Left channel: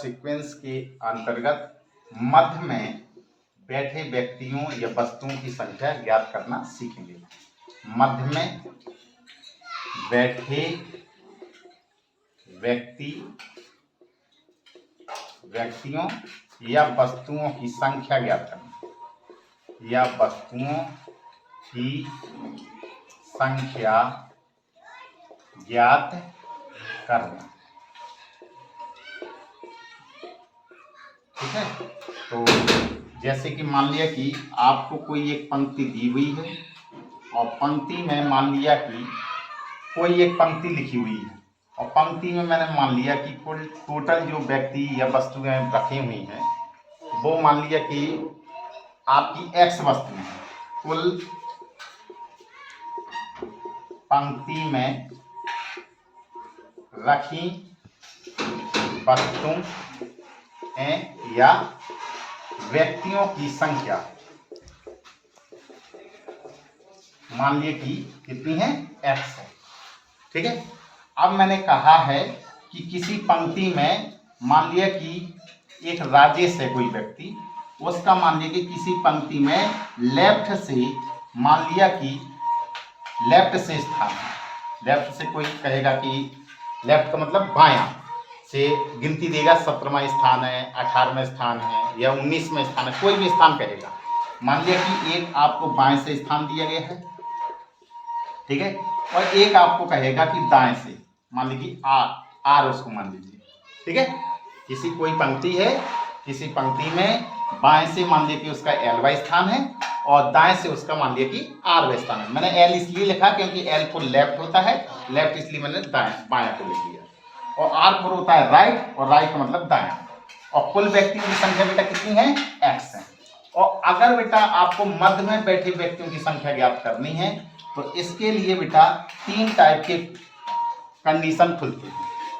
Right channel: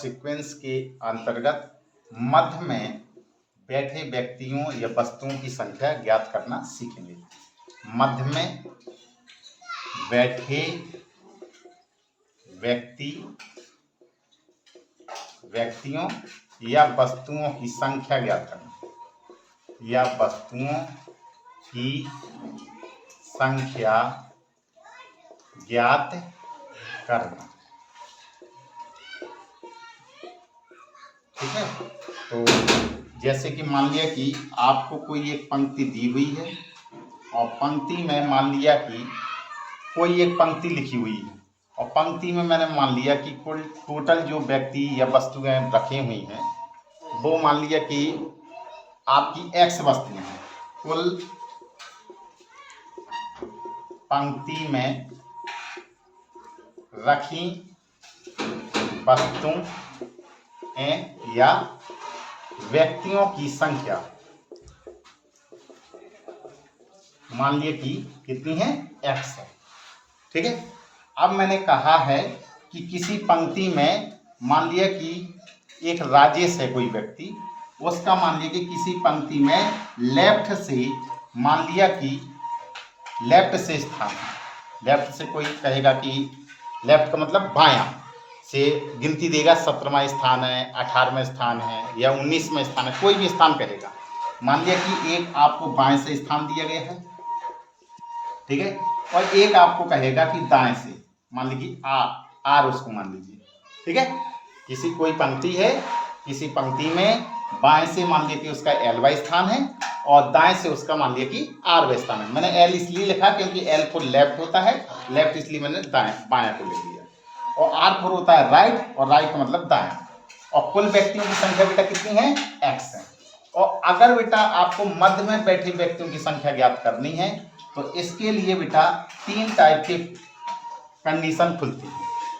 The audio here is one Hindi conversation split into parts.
सीक्वेंस के अंतर्गत मध्य में बैठे व्यक्तियों या वस्तुओं की संख्या ज्ञात करना सीखेंगे। मध्य में बैठे व्यक्तियों या वस्तुओं की संख्या ज्ञात करना, या वस्तुओं की संख्या ज्ञात करना। ठीक है, तो जैसे कि मान लिया कि आपको कोई एक पंक्ति दी हुई है और पंक्ति में मान लिया कि कोई एक पंक्ति लिखी हुई है और पंक्ति में मैंने मान लिया कि कुल टोटल जो व्यक्ति या वस्तुएं रखी हुई हैं वो मान लिया कि आपकी एक्स वस्तुएं हैं। कुल पंक्ति में रखी वस्तुएं या व्यक्तियों की संख्या मान लिए कि कितनी है, एक्स है। ठीक है, अब मैंने कहा है कि किसी पंक्ति में मान लिया कि एक राजेश है कोई व्यक्ति, उसका मान लिया कि किसी पंक्ति में लेफ्ट से मान लिया कि लेफ्ट से स्थान है। लेफ्ट से कोई कहेगा कि लेफ्ट का मतलब बायां से गिनती देगा, 17वां स्थान है, 18वां स्थान है या 19वां स्थान है, कोई भी स्थान कहेगा। मान लिया कि एक आपको बाएं से स्थान दिया गया है, ठीक है, और एक आपको कहेगा कि दाएं से, मान लीजिए आर उसको मान लीजिए। ठीक है, किसी कोई पंक्ति है, किसी पंक्ति में बाएं से मान लिया कि उसका एलवां स्थान है और दाएं से उसका मान लिया कि आरवां स्थान है। मैंने एल इसलिए लिखा क्योंकि एल को लेफ्ट होता है, लेफ्ट इसलिए मैंने बायां को लिख दिया, और आर फोर होता है राइट, और राइट का मतलब दाएं। और कुल व्यक्तियों की संख्या बेटा कितनी है, एक्स है। और अगर बेटा आपको मध्य में बैठे व्यक्तियों की संख्या ज्ञात करनी है तो इसके लिए बेटा 3 टाइप के कंडीशन खुलती है।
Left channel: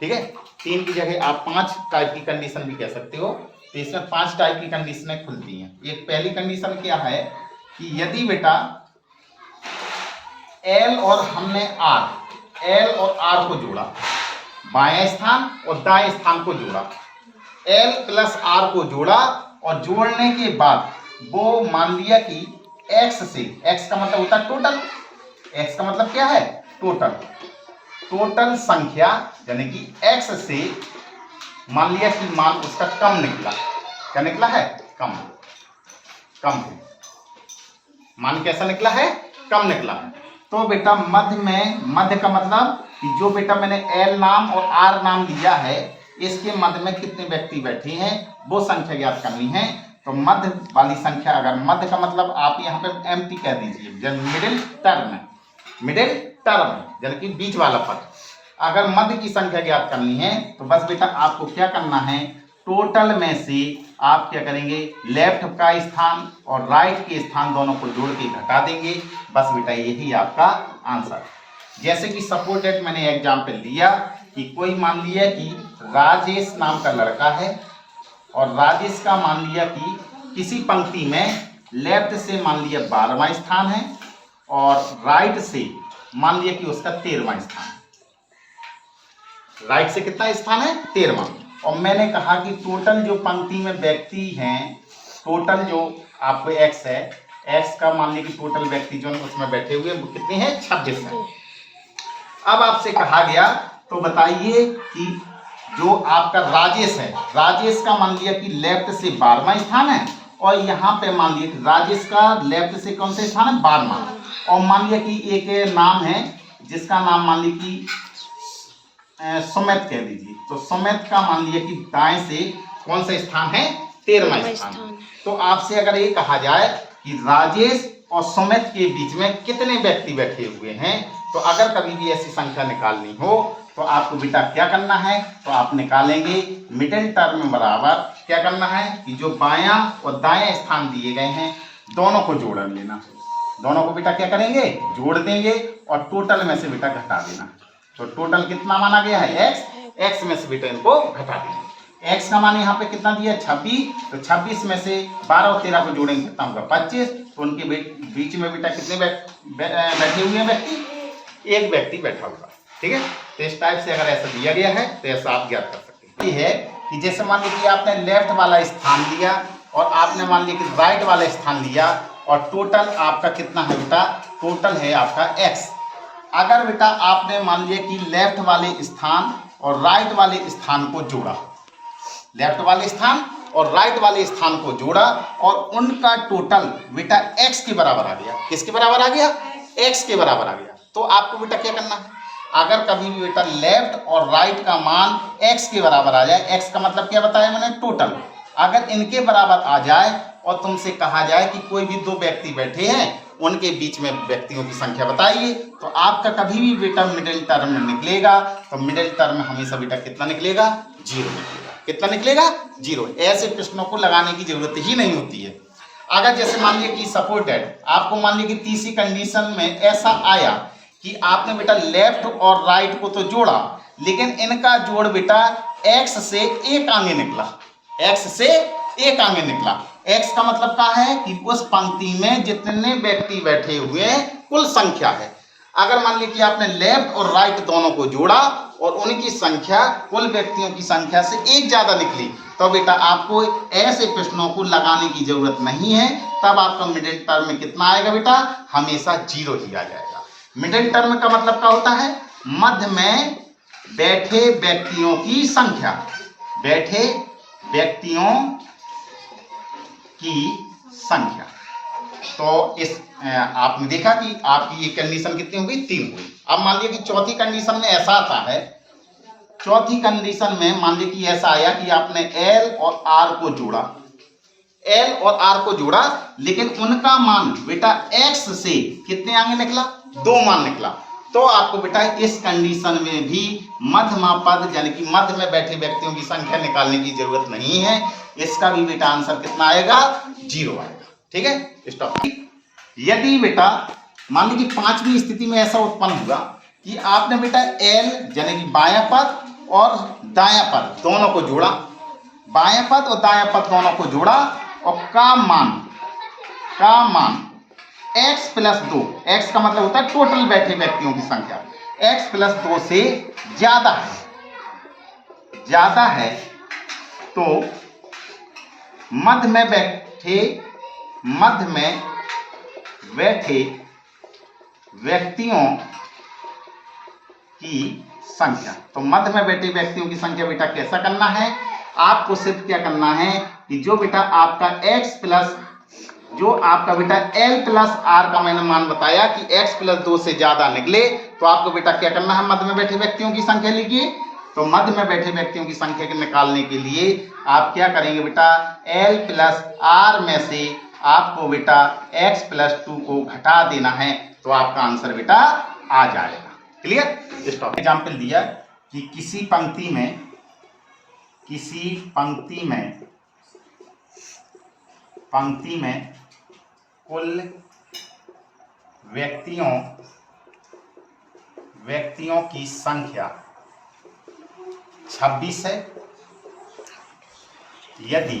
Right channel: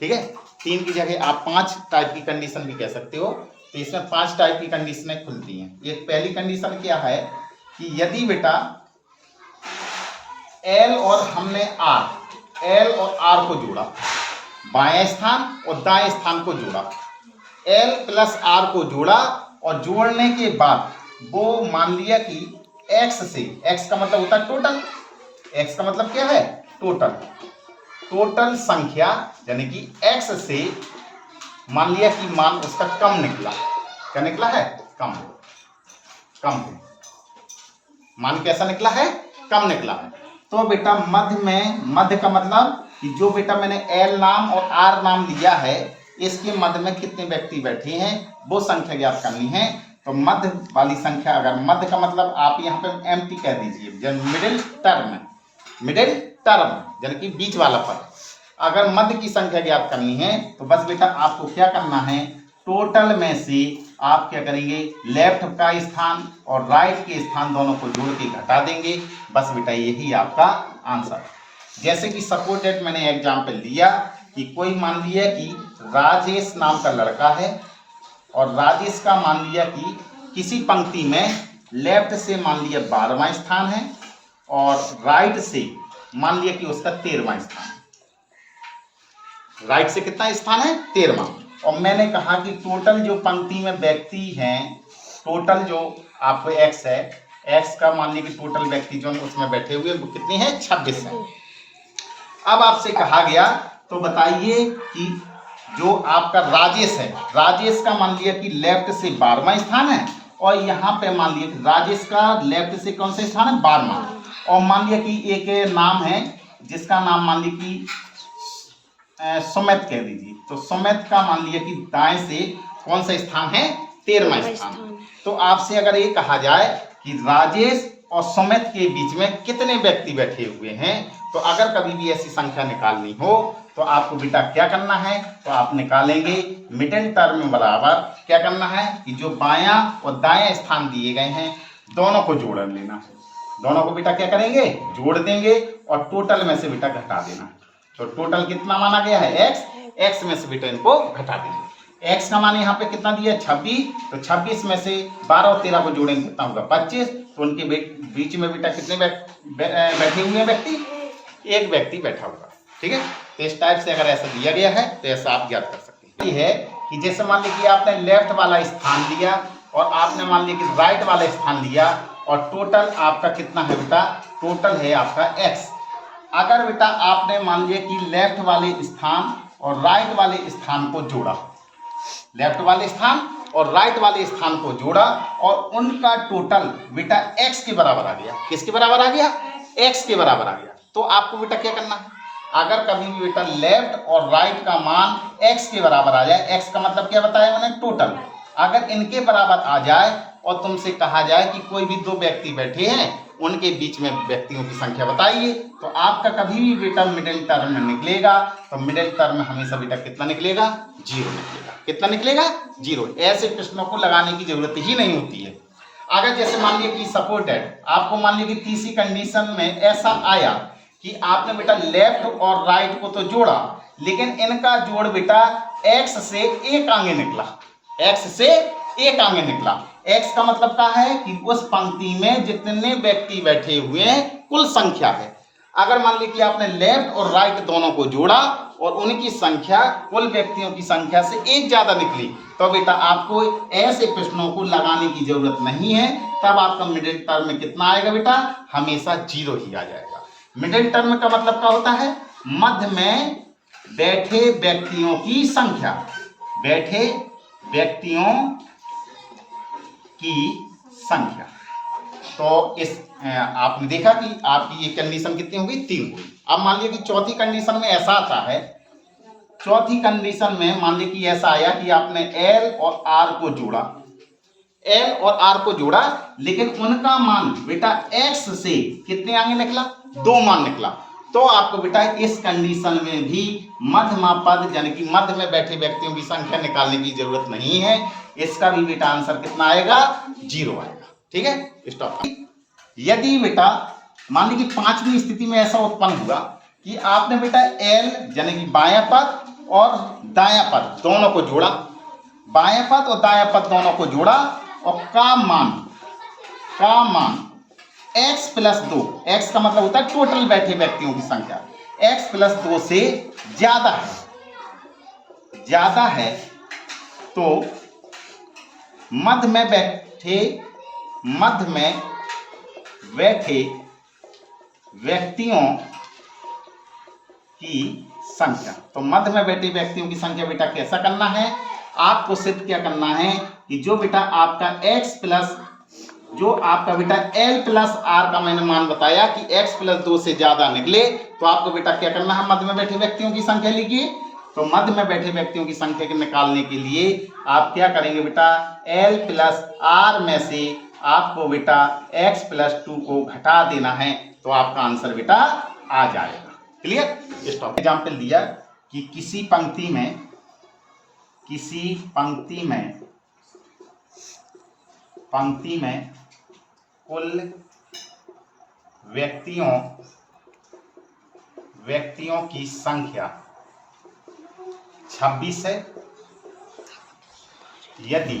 ठीक है, 3 की जगह आप 5 टाइप की कंडीशन भी कह सकते हो। तो इसमें 5 टाइप की कंडीशनें खुलती हैं। एक पहली कंडीशन क्या है कि यदि बेटा एल और हमने एल और आर को जोड़ा, बाएं स्थान और दाएं स्थान को जोड़ा, एल प्लस आर को जोड़ा और जोड़ने के बाद वो मान लिया कि एक्स से, एक्स का मतलब होता है टोटल, एक्स का मतलब क्या है, टोटल संख्या, यानी कि एक्स से मान लिया कि मान उसका कम निकला। क्या निकला है, कम मान कैसा निकला है, कम निकला है। तो बेटा मध्य का मतलब कि जो बेटा मैंने एल नाम और आर नाम लिया है इसके मध्य में कितने व्यक्ति बैठे हैं वो संख्या ज्ञात करनी है। तो मध्य वाली संख्या, अगर मध्य का मतलब आप यहाँ पे एमटी कह दीजिए, मिडिल टर्म यानी कि बीच वाला पद। अगर मध्य की संख्या ज्ञात करनी है तो बस बेटा आपको क्या करना है, टोटल में से आप क्या करेंगे, लेफ्ट का स्थान और राइट के स्थान दोनों को जोड़ के घटा देंगे। बस बेटा यही आपका आंसर। जैसे कि सपोज दैट मैंने एग्जाम्पल दिया कि कोई मान लिया कि राजेश नाम का लड़का है और राजेश का मान लिया कि किसी पंक्ति में लेफ्ट से मान लिया 12वां स्थान है और राइट से मान लिया कि उसका 13वां स्थान है। राइट से कितना स्थान है, 13वां। और मैंने कहा कि टोटल जो पंक्ति में व्यक्ति हैं, टोटल जो आपको एक्स है, एक्स का मान लीजिए कि टोटल व्यक्ति जो उसमें बैठे हुए वो कितनी है, 26 है। अब आपसे कहा गया तो बताइए कि जो आपका राजेश है, राजेश का मान लिया कि लेफ्ट से 12वां स्थान है और यहाँ पे मान लिया कि राजेश का लेफ्ट से कौन सा स्थान है, 12वां। और मान लिया कि एक नाम है जिसका नाम मान लिया कि सुमित कह दीजिए, तो सुमित का मान लिया कि दाएं से कौन सा स्थान है, 13वां स्थान। तो आपसे अगर ये कहा जाए कि राजेश और सुमित के बीच में कितने व्यक्ति बैठे हुए हैं, तो अगर कभी भी ऐसी संख्या निकालनी हो तो आपको बेटा क्या करना है, तो आप निकालेंगे मिडिल टर्म बराबर क्या करना है कि जो बायां और दायां स्थान दिए गए हैं दोनों को जोड़ लेना है। दोनों को बेटा क्या करेंगे, जोड़ देंगे और टोटल में से बेटा घटा देना। तो टोटल कितना माना गया है, एक्स में से बेटा इनको घटा देंगे। एक्स का मान यहाँ पे कितना दिया, 26, तो 26 में से 12 और 13 को जोड़ेंगे कितना होगा, 25। तो उनके बीच में बेटा कितने बैठे हुए हैं व्यक्ति, एक व्यक्ति बैठा होगा। ठीक है, तो इस टाइप से अगर ऐसा दिया गया है तो ऐसा आप ज्ञात कर सकते हैं। ये है कि जैसे मान लीजिए आपने लेफ्ट वाला स्थान लिया और आपने मान लिया कि राइट वाला स्थान लिया और टोटल आपका कितना है बेटा, टोटल है आपका x। अगर बेटा आपने मान लिया कि लेफ्ट वाले स्थान और राइट वाले स्थान को जोड़ा, लेफ्ट वाले स्थान और राइट वाले स्थान को जोड़ा और उनका टोटल बेटा x के बराबर आ गया। किसके बराबर आ गया, x के बराबर आ गया। तो आपको बेटा क्या करना है, अगर कभी भी बेटा लेफ्ट और राइट का मान x के बराबर आ जाए, x का मतलब क्या बताया मैंने, टोटल, अगर इनके बराबर आ जाए और तुमसे कहा जाए कि कोई भी दो व्यक्ति बैठे हैं उनके बीच में व्यक्तियों की संख्या बताइए, तो आपका कभी भी बेटा मिडिल टर्म में निकलेगा, तो मिडिल टर्म में हमेशा बेटा कितना निकलेगा, 0 निकलेगा। कितना निकलेगा, 0। ऐसे प्रश्नों को लगाने की जरूरत ही नहीं होती है। अगर जैसे मान लीजिए कि सपोर्टेड, आपको मान लीजिए कि तीसरी कंडीशन में ऐसा आया कि आपने बेटा लेफ्ट और राइट को तो जोड़ा, लेकिन इनका जोड़ बेटा x से एक आगे निकला, x से एक आगे निकला। x का मतलब क्या है कि उस पंक्ति में जितने व्यक्ति बैठे हुए हैं कुल संख्या है। अगर मान लीजिए कि आपने लेफ्ट और राइट दोनों को जोड़ा और उनकी संख्या कुल व्यक्तियों की संख्या से एक ज्यादा निकली, तो बेटा आपको ऐसे प्रश्नों को लगाने की जरूरत नहीं है। तब आपका मिडिल टर्म में कितना आएगा बेटा, हमेशा 0 ही आ जाएगा। मिडिल टर्म का मतलब क्या होता है, मध्य में बैठे व्यक्तियों की संख्या, बैठे व्यक्तियों की संख्या। तो इस आपने देखा कि आपकी ये कंडीशन कितनी हो गई, 3 हुई। अब मान लीजिए कि चौथी कंडीशन में ऐसा आता है, चौथी कंडीशन में मान लीजिए कि ऐसा आया कि आपने L और R को जोड़ा, L और R को जोड़ा, लेकिन उनका मान बेटा X से कितने आगे निकला, 2 मान निकला। तो आपको बेटा इस कंडीशन में भी मध्यमा पद यानी कि मध्य में बैठे व्यक्तियों की संख्या निकालने की जरूरत नहीं है। इसका भी बेटा आंसर कितना आएगा, 0 आएगा। ठीक है, स्टॉप। यदि बेटा मान लीजिए कि 5वीं स्थिति में ऐसा उत्पन्न हुआ कि आपने बेटा L यानी कि बायां पद और दायां पद दोनों को जोड़ा, बायां पद और दायां पद दोनों को जोड़ा और का मान x प्लस 2, x का मतलब होता है टोटल बैठे व्यक्तियों की संख्या, x प्लस 2 से ज्यादा है तो मध्य में बैठे व्यक्तियों की संख्या। तो मध्य में बैठे व्यक्तियों की संख्या बेटा कैसा करना है, आपको सिर्फ क्या करना है कि जो बेटा आपका x प्लस जो आपका बेटा L प्लस R का मैंने मान बताया कि x प्लस 2 से ज्यादा निकले, तो आपको बेटा क्या करना है, मध्य में बैठे व्यक्तियों की संख्या लिखिए। तो मध्य में बैठे व्यक्तियों की संख्या के निकालने के लिए आप क्या करेंगे बेटा, L प्लस R में से आपको बेटा x प्लस 2 को घटा देना है, तो आपका आंसर बेटा आ जाएगा। क्लियर। स्टॉप। एग्जाम्पल दिया कि किसी पंक्ति में कुल व्यक्तियों की संख्या 26 है। यदि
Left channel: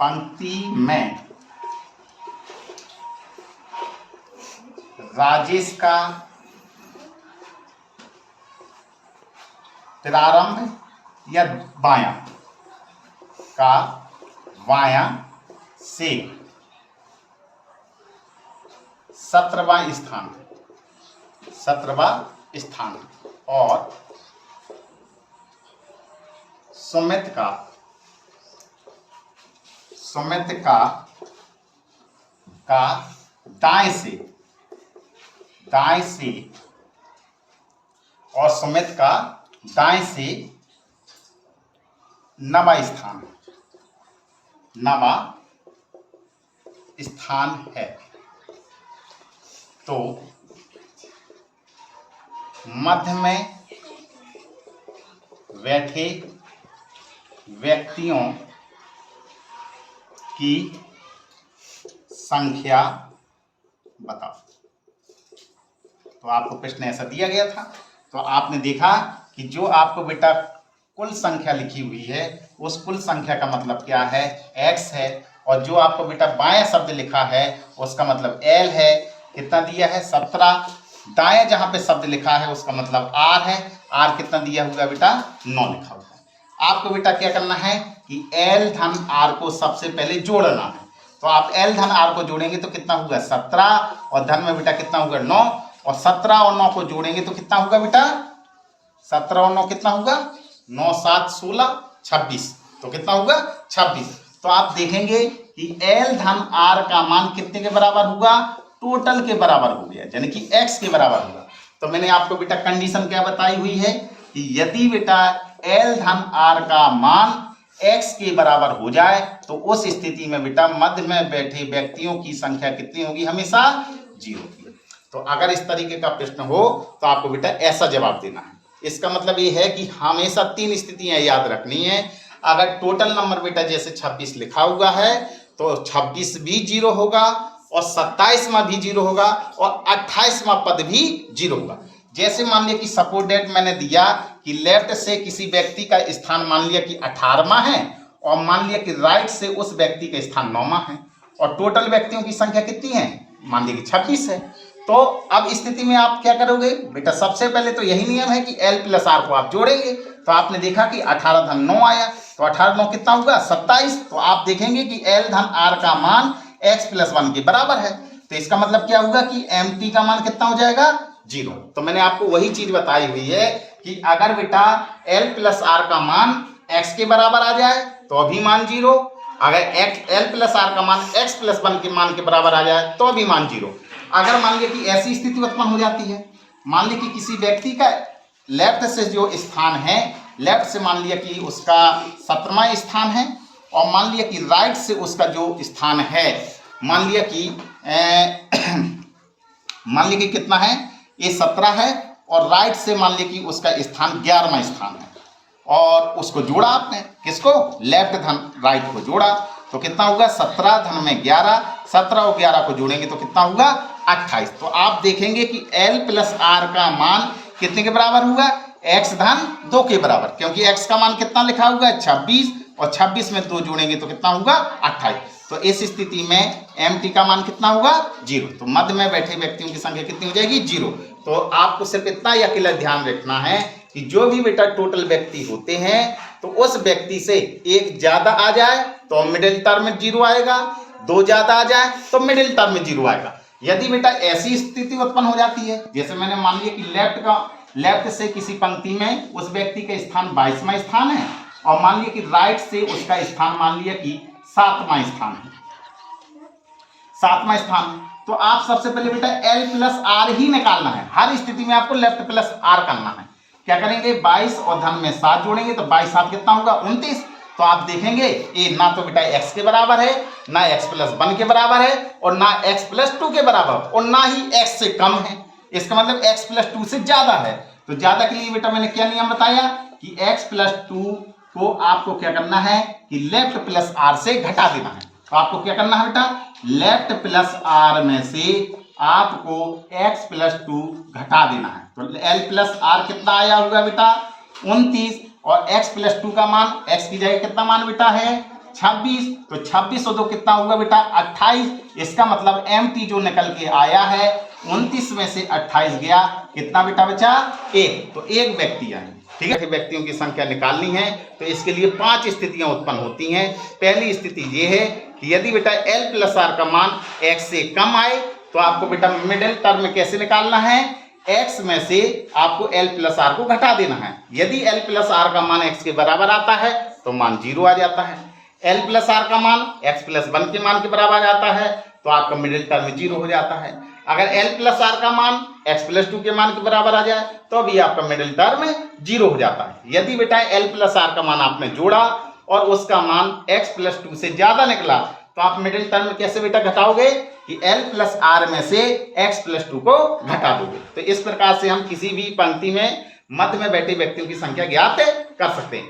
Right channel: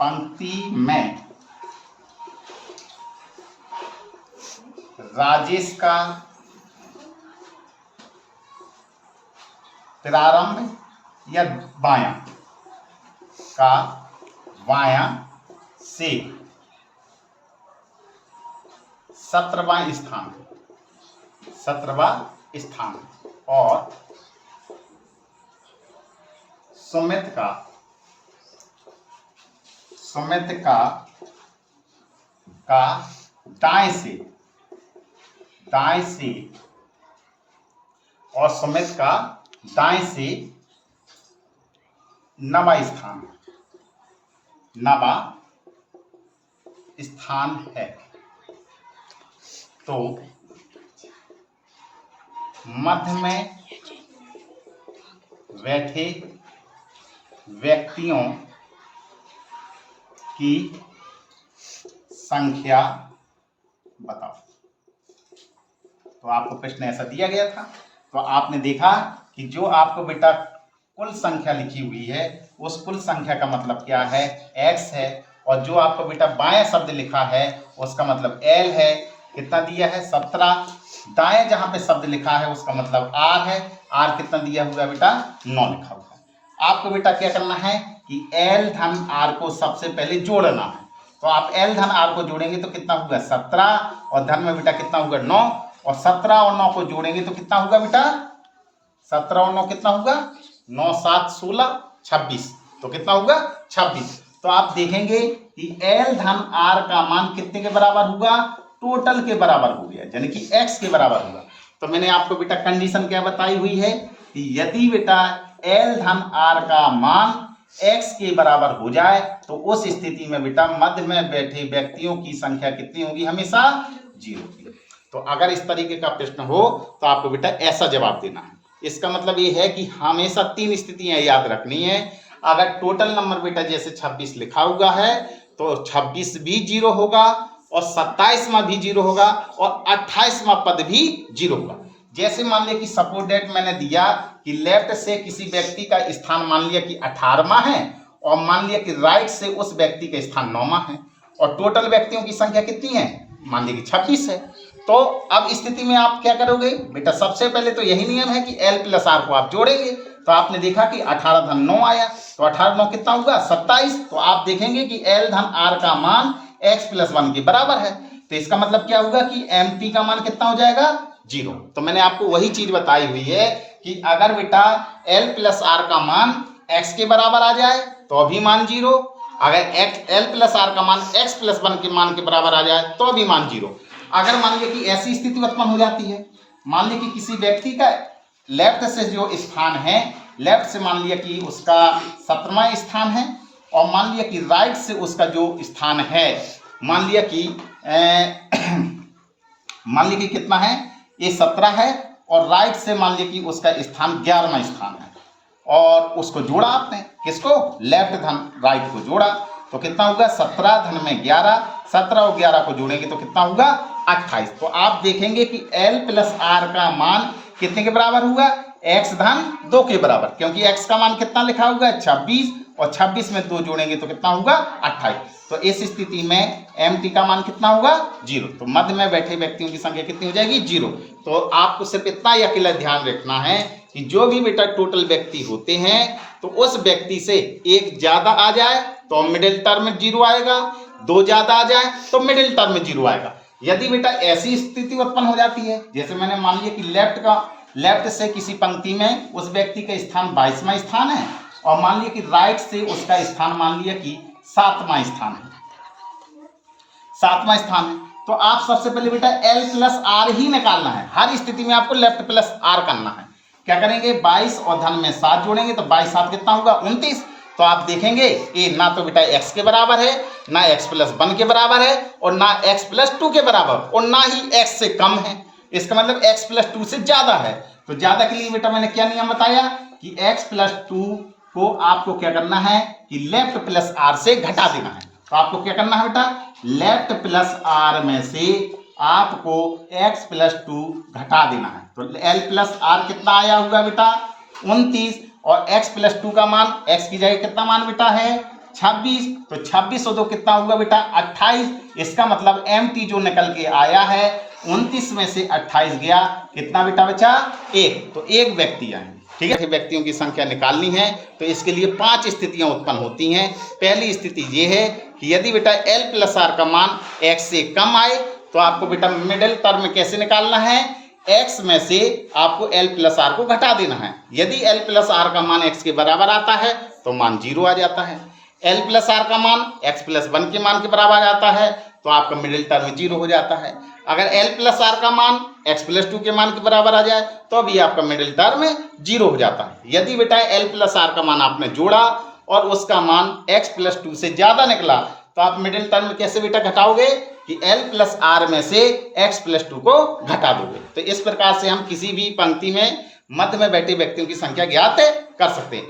पंक्ति में राजेश का प्रारंभ या बायां से 17वां स्थान और सुमित का दाएं से और सुमित का दाएं से 9वां स्थान है, तो मध्य में बैठे व्यक्तियों की संख्या बताओ। तो आपको प्रश्न ऐसा दिया गया था, तो आपने देखा कि जो आपको बेटा कुल संख्या लिखी हुई है उस कुल संख्या का मतलब क्या है, x है, और जो आपको बेटा बाएं शब्द लिखा है उसका मतलब L है। कितना दिया है, 17। दाएं जहां पे शब्द लिखा है उसका मतलब R है, आर कितना दिया हुआ बेटा 9 लिखा हुआ है। आपको बेटा क्या करना है कि एल धन आर को सबसे पहले जोड़ना है। तो आप एल धन आर को जोड़ेंगे तो कितना होगा 17 और धन में बेटा कितना होगा 9 और 17 और 9 को जोड़ेंगे तो कितना होगा बेटा 17 और 9 कितना होगा 9 7 16 26 तो कितना होगा 26। तो आप देखेंगे कि एल धन आर का मान कितने के बराबर होगा टोटल के बराबर हो गया यानी कि x के बराबर होगा। तो मैंने आपको बेटा कंडीशन क्या बताई हुई है कि यदि बेटा एल धन आर का मान x के बराबर हो जाए तो उस स्थिति में बेटा मध्य में बैठे व्यक्तियों की संख्या कितनी होगी हमेशा 0 की। तो अगर इस तरीके का प्रश्न हो तो आपको बेटा ऐसा जवाब देना है। इसका मतलब ये है कि हमेशा 3 स्थितियां याद रखनी है। अगर टोटल नंबर बेटा जैसे 26 लिखा हुआ है तो 26 भी 0 होगा और 27वां भी 0 होगा और 28वां पद भी 0 होगा। जैसे मान लिया कि सपोज डेट मैंने दिया कि लेफ्ट से किसी व्यक्ति का स्थान मान लिया कि 18वां है और मान लिया कि राइट से उस व्यक्ति का स्थान 9वां है और टोटल व्यक्तियों की संख्या कितनी है मान लिया कि 26 है। तो अब स्थिति में आप क्या करोगे बेटा सबसे पहले तो यही नियम है कि एल प्लस आर को आप जोड़ेंगे। तो आपने देखा कि 18 धन 9 आया तो 18 9 कितना होगा 27। तो आप देखेंगे कि एल धन आर का मान x प्लस 1 के बराबर है। तो इसका मतलब क्या होगा कि एम टी का मान कितना हो जाएगा 0। तो मैंने आपको वही चीज बताई हुई है कि अगर बेटा l प्लस आर का मान x के बराबर आ जाए तो अभी मान 0, अगर l प्लस आर का मान x प्लस 1 के मान के बराबर आ जाए तो भी मान 0। अगर मान लिया कि ऐसी स्थिति उत्पन्न हो जाती है मान लिया कि किसी व्यक्ति का लेफ्ट से जो स्थान है लेफ्ट से मान लिया कि उसका 17वां स्थान है और मान लिया कि राइट से उसका जो स्थान है मान लिया कि कितना है ये 17 है और राइट से मान लिया कि उसका स्थान 11वां स्थान है और उसको जोड़ा आपने किसको लेफ्ट धन राइट को जोड़ा तो कितना होगा 17 धन में 11 17 और 11 को जोड़ेंगे तो कितना होगा 28। तो आप देखेंगे कि L प्लस आर का मान कितने के बराबर होगा x धन 2 के बराबर क्योंकि x का मान कितना लिखा हुआ है 26 और 26 में 2 जोड़ेंगे तो कितना होगा 28। तो इस स्थिति में mt का मान कितना होगा 0। तो मध्य में बैठे व्यक्तियों की संख्या कितनी हो जाएगी 0। तो आपको सिर्फ इतना ही अकेला ध्यान रखना है कि जो भी बेटा टोटल व्यक्ति होते हैं तो उस व्यक्ति से एक ज्यादा आ जाए तो मिडिल टर्म में 0 आएगा, 2 ज्यादा आ जाए तो मिडिल टर्म में 0 आएगा। यदि बेटा ऐसी स्थिति उत्पन्न हो जाती है जैसे मैंने मान लिया कि लेफ्ट से किसी पंक्ति में उस व्यक्ति का स्थान 22वां स्थान है और मान लिया कि राइट से उसका स्थान मान लिया कि 7वां स्थान है 7वां स्थान है तो आप सबसे पहले बेटा L प्लस आर ही निकालना है। हर स्थिति में आपको लेफ्ट प्लस आर करना है। क्या करेंगे 22 और धन में 7 जोड़ेंगे तो 22 7 कितना होगा 29। तो आप देखेंगे ये ना तो बेटा x के बराबर है ना x प्लस 1 के बराबर है और ना x प्लस 2 के बराबर और ना ही x से कम है। इसका मतलब x प्लस 2 से ज्यादा है। तो ज्यादा के लिए बेटा मैंने क्या नियम बताया कि x प्लस 2 को आपको क्या करना है कि लेफ्ट प्लस आर से घटा देना है। तो आपको क्या करना है बेटा लेफ्ट प्लस आर में से आपको x प्लस 2 घटा देना है। तो l प्लस आर कितना आया होगा बेटा 29 और x प्लस 2 का मान x की जगह कितना मान बेटा है 26। तो 26 और 2 कितना होगा बेटा 28। इसका मतलब mt जो निकल के आया है 29 में से 28 गया कितना बेटा बचा 1। तो एक व्यक्ति है ठीक है। व्यक्तियों की संख्या निकालनी है तो इसके लिए 5 स्थितियां उत्पन्न होती हैं। पहली स्थिति ये है कि यदि बेटा L प्लस आर का मान x से कम आए तो आपको बेटा मिडिल टर्म में कैसे निकालना है x में से आपको L प्लस आर को घटा देना है। यदि L प्लस आर का मान x के बराबर आता है तो मान 0 आ जाता है। L प्लस आर का मान x प्लस 1 के मान के बराबर आता है तो आपका मिडिल टर्म 0 हो जाता है। अगर L प्लस आर का मान x प्लस 2 के मान के बराबर आ जाए तो भी आपका मिडिल टर्म 0 हो जाता है। यदि बेटा L प्लस आर का मान आपने जोड़ा और उसका मान x प्लस 2 से ज्यादा निकला तो आप मिडिल टर्म कैसे बेटा घटाओगे कि L प्लस आर में से x प्लस 2 को घटा दोगे। तो इस प्रकार से हम किसी भी पंक्ति में मध्य में बैठे व्यक्तियों की संख्या ज्ञात कर सकते हैं।